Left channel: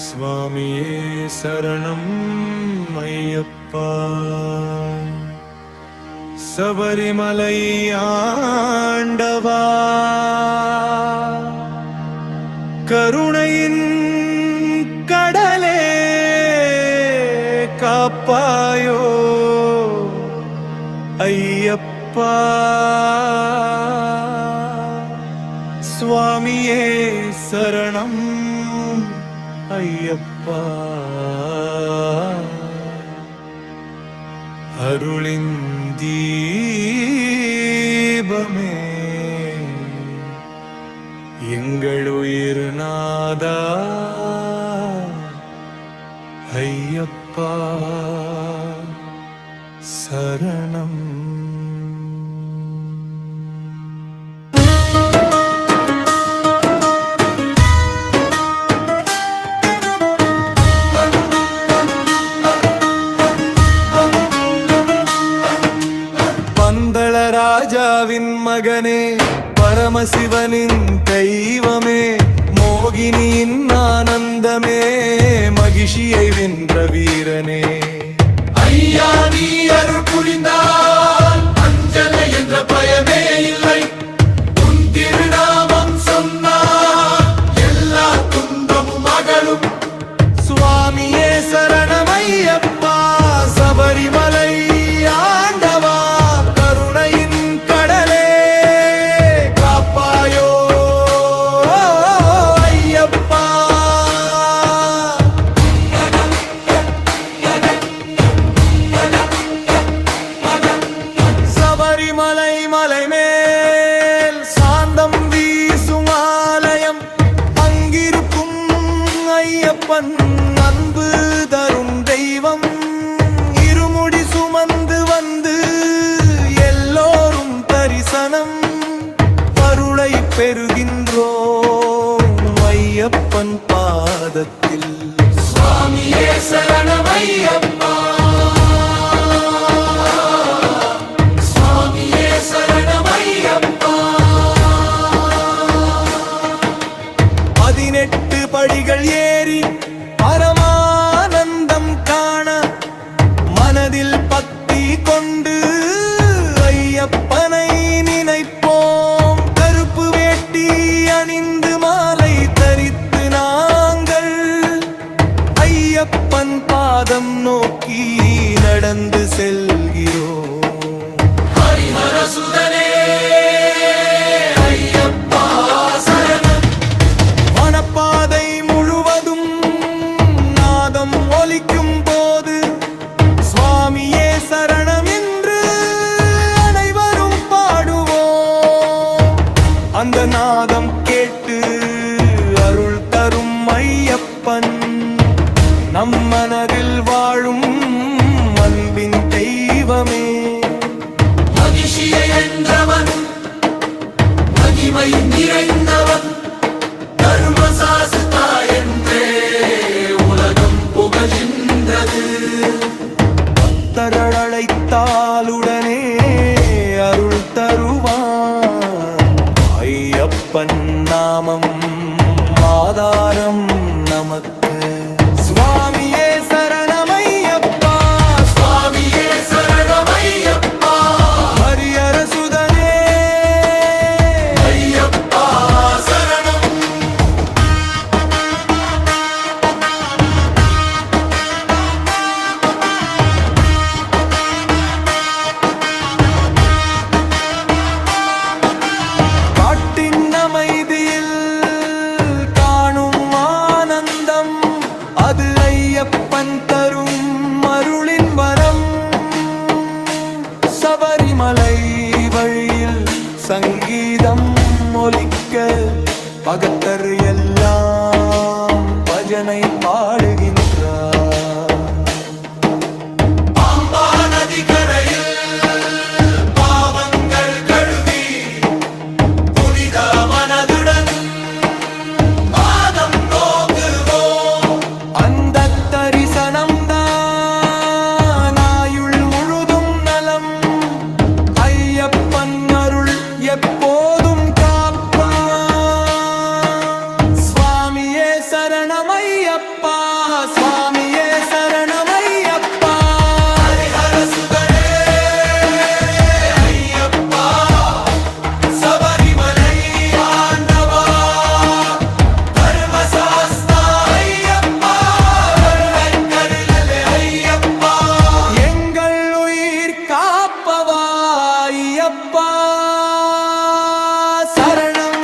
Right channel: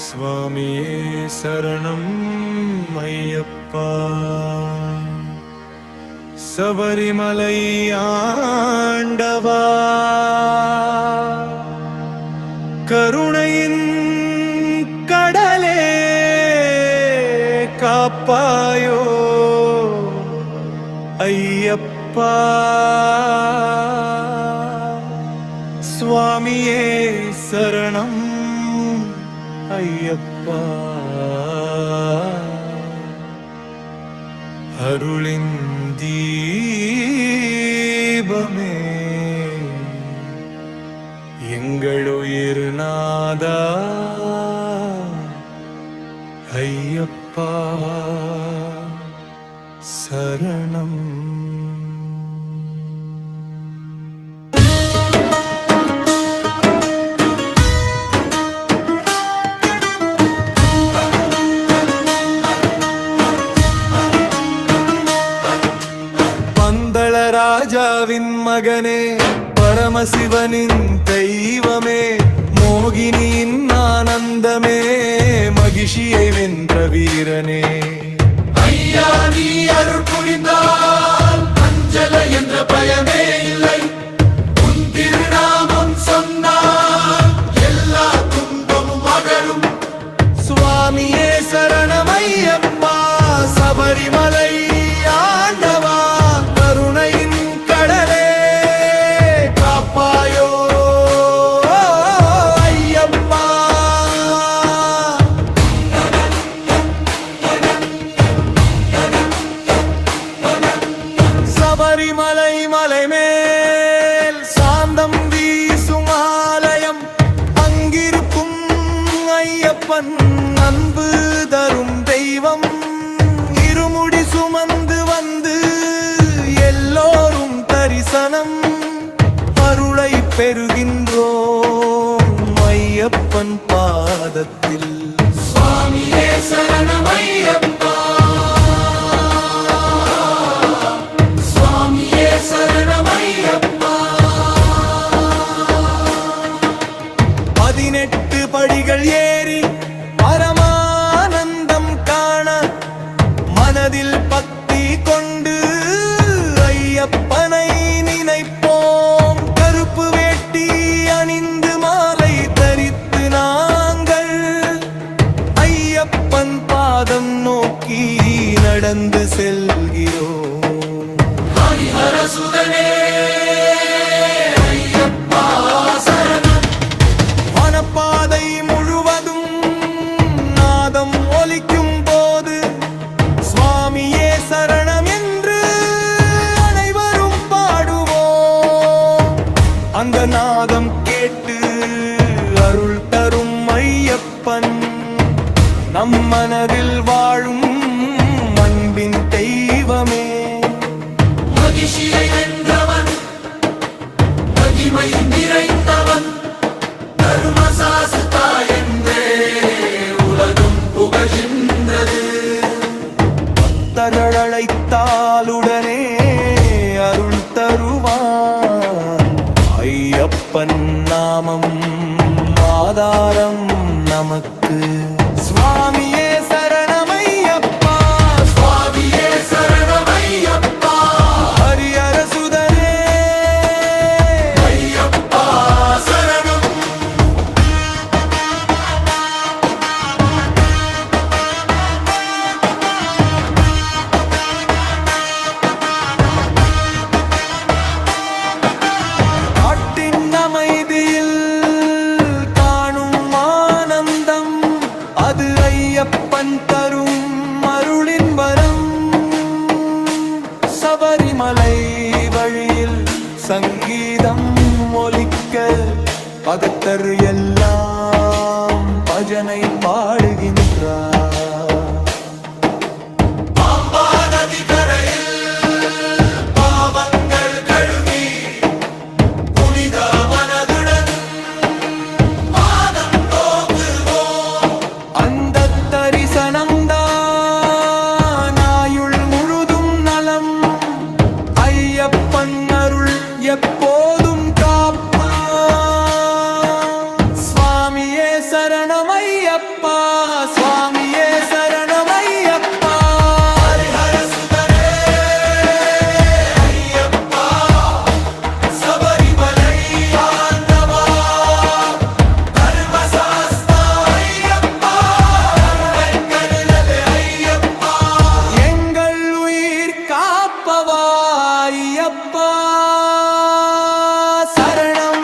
சுவாமியே சரணம் ஐயப்பா. சபரிமலை ஆண்டவா, கருணையின் கடலே காப்பாயோ ஐயப்பா. சுவாமியே சரணம் ஐயப்பா. அருளின் தீபமே எங்களுயிர் நாதா ஐயப்பா சரணம். பந்தள ராஜாவின் மகனே, பரமசிவனின் தெய்வமே, மோகினியின் ஆனந்தமே, மகிஷியை வென்ற வீரனே. ஐயா நீ அருள் புரிந்தால் அஞ்சலை என்ற பயமே இல்லை. உன் திருநாமம் சொன்னால் எல்லா துன்பமும் அகலும். சுவாமியே சரணம் ஐயப்பா. சபரிமலை ஆண்டவா, கருணையின் கடலே காப்பாயோ ஐயப்பா. சபரிமலை மலை மேல் சாந்தம் வீசும் ஆலயம், அங்கிருக்கும் ஐயப்பன் அன்பு தரும் தெய்வம். இருமுடி சுமந்து வந்து எல்லோரும் தரிசனம், அருளை பெறுகின்றோம் ஐயப்பன் பாதத்தில். சுவாமியே சரணம் ஐயப்பா. சுவாமியே சரணம் ஐயப்பா. 18 படிகள் ஏறி பரமானந்தம் காண, மனதில் பக்தி கொண்டு ஐயப்பனை நினைப்போம். கருப்பு வேட்டி அணிந்து மாலை தரித்து நாங்கள் ஐயப்பன் பாதம் நோக்கி நடந்து செல்கிறோம். ஹரிஹர சுதனே ஐயப்பா சரணம். வனப்பாதை முழுவதும் நாதம் ஒலிக்கும் போது, சுவாமியே சரணம் என்று அனைவரும் பாடுவோம். அந்த நாதம் கேட்டு அருள் தரும் ஐயப்பன், நம் மனதில் வாழும் அன்பின் தெய்வமே. மகிஷியை வென்றவன், மகிமை நிறைந்தவன், தர்மசாஸ்தா என்றே உலகம் புகழ்கின்றது. தரழைத்தாலுடனே அருள் தருவான் ஐயப்பன் நாமம் ஆதாரம் நமக்கு. சுவாமியே சரணம் ஐயப்பா. சுவாமியே சரணம் ஐயப்பா. ஹரிஹர சுதனே ஐயப்பா சரணம். காட்டின் அமைதியில் காணும் ஆனந்தம், அது ஐயப்பன் தரும் அருளின் வரம். சபரிமலை வழியில் சங்கீதம் ஒலிக்க, பகத்தர் எல்லாம் பஜனை பாடுகின்றார். பாம்பா நதிக்கரையில் பாவங்கள் கழுவி புனித மனதுடன் பாதம் நோக்குவோம். அந்த தரிசனம்தான் ஆயுள் முழுதும் நலம். ஐயப்பன் அருள் எப்போதும் காப்பான். சரணமையப்பா சுவாமியே சரணமையப்பா ஹரிஹர சுதனே ஐயப்பா சபரிமலை ஆண்டவா தர்மசாஸ்தா ஐயப்பா கருணை ஐயப்பா எங்கள் உயிர் காப்பவா ஐயப்பா சரணம்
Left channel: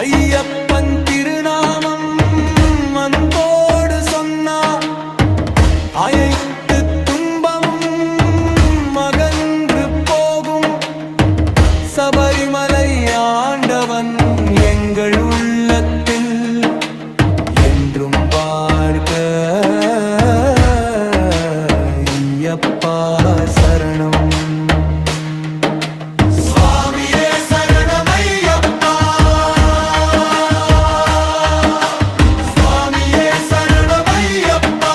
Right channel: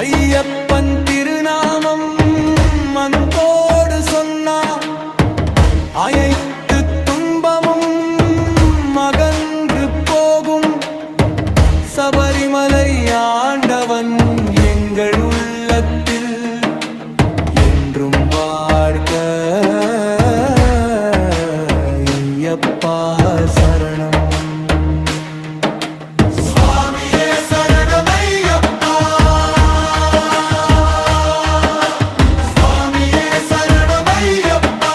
ஐயப்பன் திருநாமம் அன்போடு சொன்னா அனைத்து துன்பமும் அகன்று போகும் சபரிமலை ஆண்டவன் எங்கள் உள்ளத்தில் என்றும் வாழ்க ஐயப்பா சரணம் சுவாமியே சரணமையப்பா சுவாமியே சரணமையப்பா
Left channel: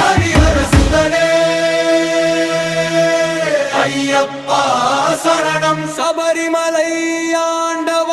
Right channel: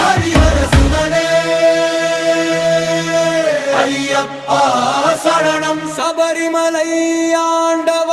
ஹரிஹர சுதனே ஐயப்பா சரணம் சபரிமலை ஆண்டவன்